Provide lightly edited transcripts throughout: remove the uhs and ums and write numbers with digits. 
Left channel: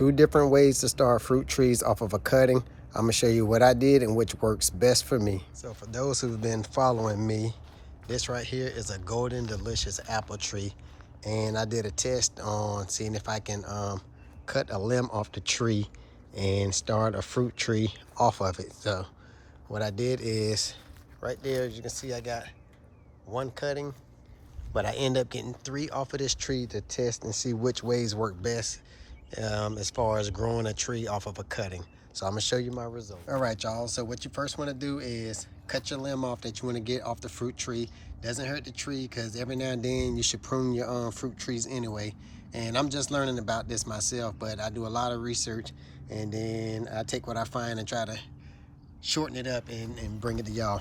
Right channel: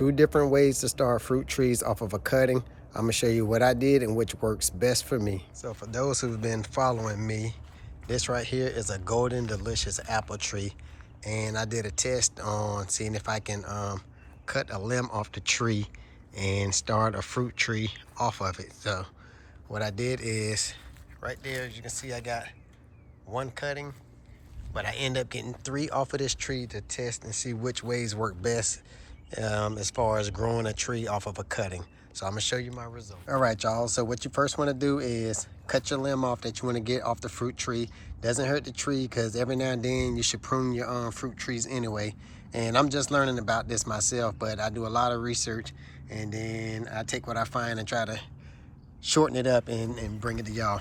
two different ways to start fruit trees off of a cutting. I'm gonna show you what I did and which works best for me. So for those who've been following me, this right here is a golden delicious apple tree. And I did a test on seeing if I can cut a limb off the tree and start a fruit tree off of it. So what I did is, right there, as you can see, I got one cutting, but I end up getting 3 off of this tree to test and see which ways work best as far as growing a tree off of a cutting. So I'm gonna show you my results. All right, y'all, so what you first wanna do is cut your limb off that you wanna get off the fruit tree. Doesn't hurt the tree, because every now and then you should prune your fruit trees anyway. And I'm just learning about this myself, but I do a lot of research, and then I take what I find and try to shorten it up and bring it to y'all.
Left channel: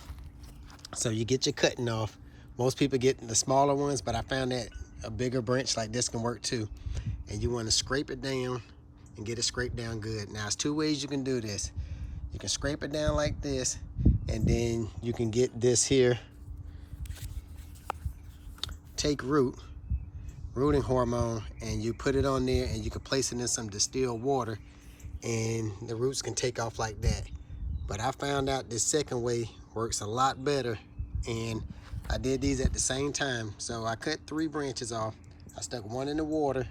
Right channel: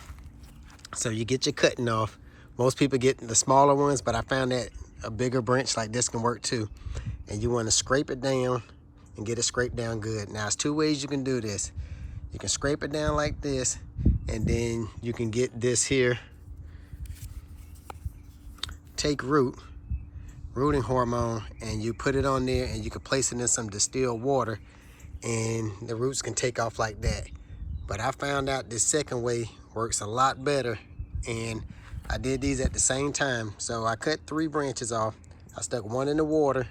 So you get your cutting off. Most people get the smaller ones, but I found that a bigger branch like this can work too. And you want to scrape it down and get it scraped down good. Now, there's 2 ways you can do this. You can scrape it down like this, and then you can get this here, take rooting hormone, and you put it on there, and you can place it in some distilled water, and the roots can take off like that. But I found out this second way works a lot better, and I did these at the same time. So I cut 3 branches off. I stuck 1 in the water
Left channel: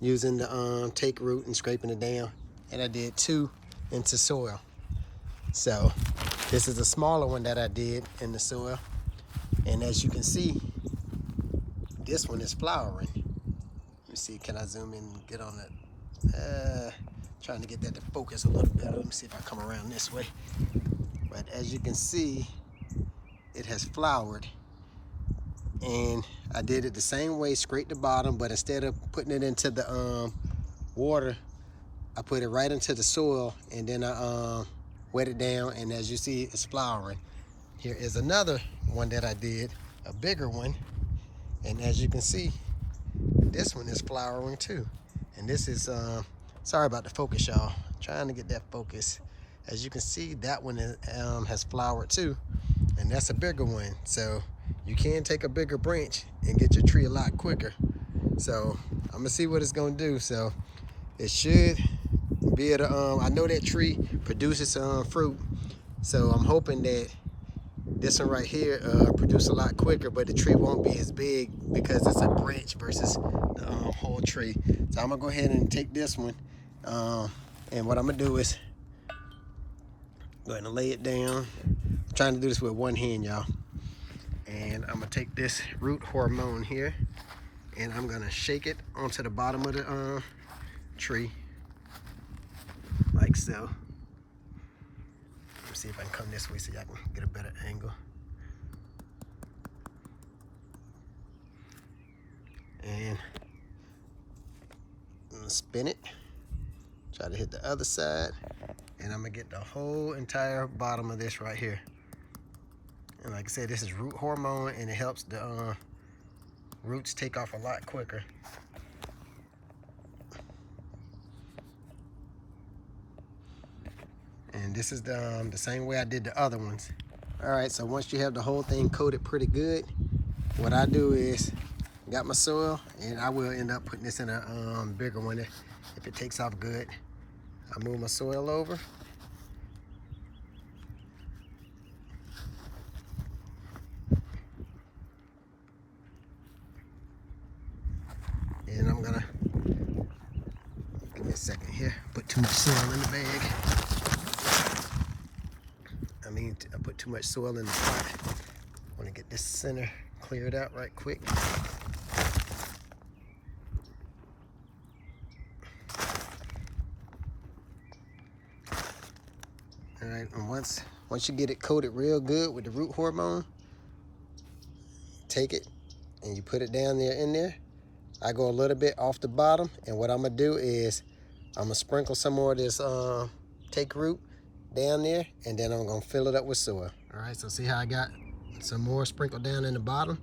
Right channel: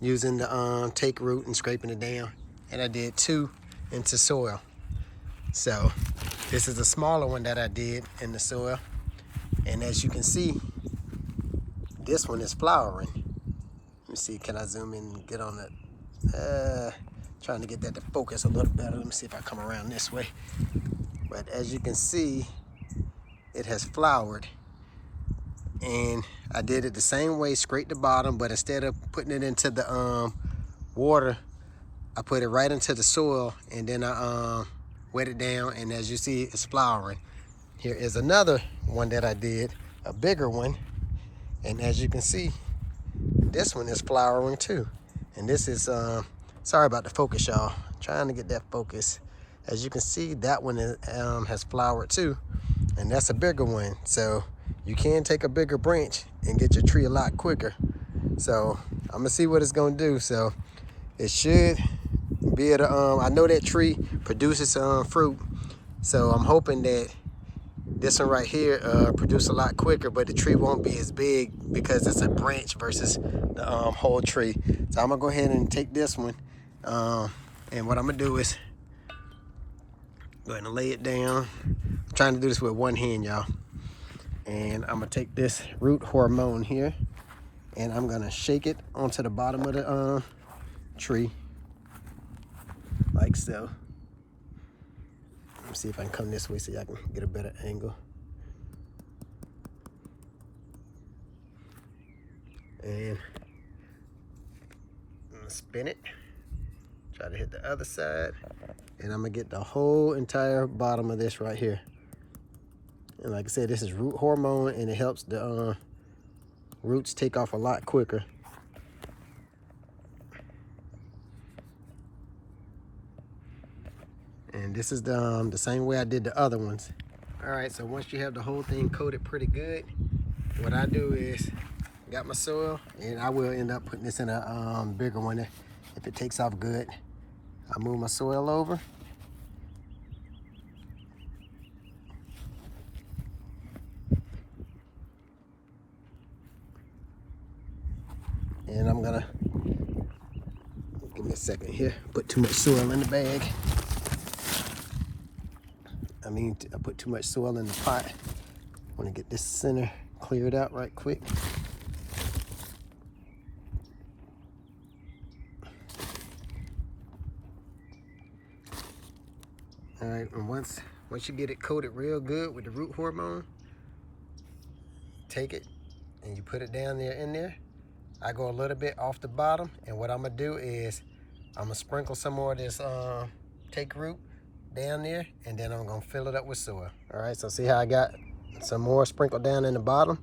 using the take root and scraping it down, and I did 2 into soil. So this is a smaller one that I did in the soil, and as you can see, this one is flowering. Let me see, can I zoom in and get on it? Trying to get that to focus a little better. Let me see if I come around this way. But as you can see, it has flowered. And I did it the same way, scraped the bottom, but instead of putting it into the water, I put it right into the soil, and then I wet it down, and as you see, it's flowering. Here is another one that I did, a bigger one, and as you can see, this one is flowering too. And this is, sorry about the focus, y'all. Trying to get that focus. As you can see, that one is, has flowered too, and that's a bigger one. So you can take a bigger branch and get your tree a lot quicker. So I'm gonna see what it's gonna do. So it should be able to, I know that tree produces fruit, so I'm hoping that this one right here produce a lot quicker, but the tree won't be as big because it's a branch versus the whole tree. So I'm gonna go ahead and take this one, and what I'm gonna do is go ahead and lay it down. I'm trying to do this with one hand, y'all. And I'm gonna take this root hormone here, and I'm gonna shake it onto the bottom of the tree, like so. Let me see if I can come this way so y'all can get a better angle. And I'm gonna spin it, try to hit the other side, and I'm gonna get the whole entire bottom of this right here. And like I said, this is root hormone, and it helps the roots take off a lot quicker. And this is the same way I did the other ones. All right, so once you have the whole thing coated pretty good, what I do is, got my soil, and I will end up putting this in a bigger one if it takes off good. I move my soil over. And I'm gonna, give me a second here, put too much soil in the bag. I put too much soil in the pot. I wanna get this center cleared out right quick. All right, and once you get it coated real good with the root hormone, take it and you put it down there in there. I go a little bit off the bottom, and what I'm gonna do is I'm gonna sprinkle some more of this take root down there, and then I'm gonna fill it up with soil. All right, so see how I got some more sprinkled down in the bottom,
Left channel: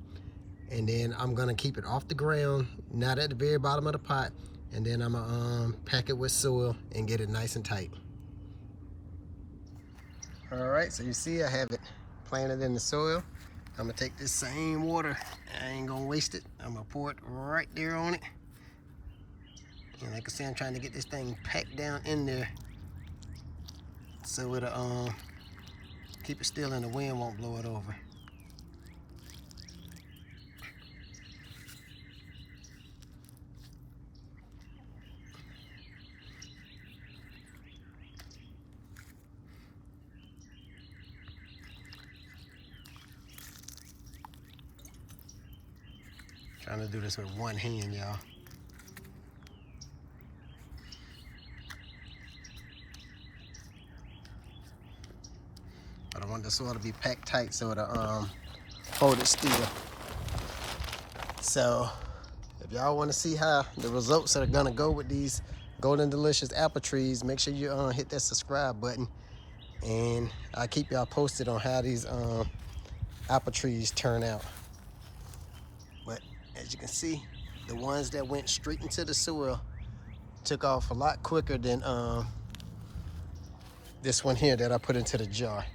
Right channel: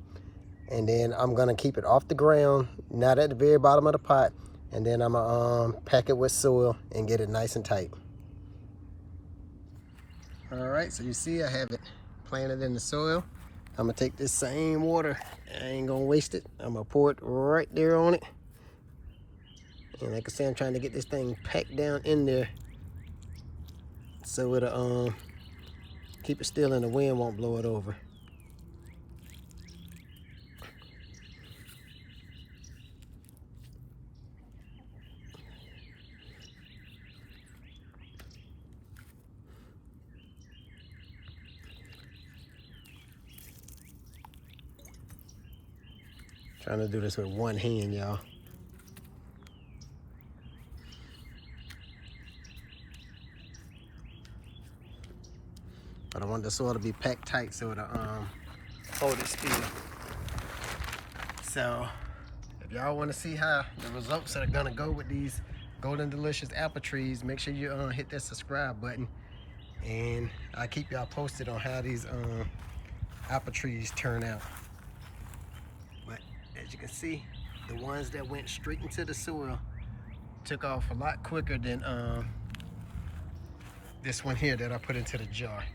and then I'm gonna keep it off the ground, not at the very bottom of the pot, and then I'm gonna pack it with soil and get it nice and tight. All right, so you see I have it planted in the soil. I'm gonna take this same water, I ain't gonna waste it. I'm gonna pour it right there on it. And like I said, I'm trying to get this thing packed down in there so it'll keep it still and the wind won't blow it over. Trying to do this with one hand, y'all. But I want the soil to be packed tight so it'll hold it still. So if y'all want to see how the results are gonna go with these golden delicious apple trees, make sure you hit that subscribe button, and I'll keep y'all posted on how these apple trees turn out. But as you can see, the ones that went straight into the soil took off a lot quicker than this one here that I put into the jar.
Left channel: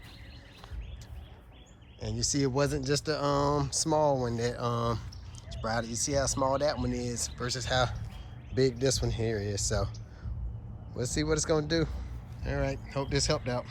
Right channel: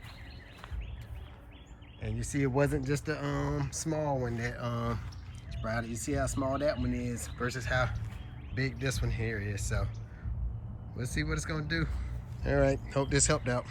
And you see, it wasn't just a small one that sprouted. You see how small that one is versus how big this one here is. So we'll see what it's gonna do. All right, hope this helped out.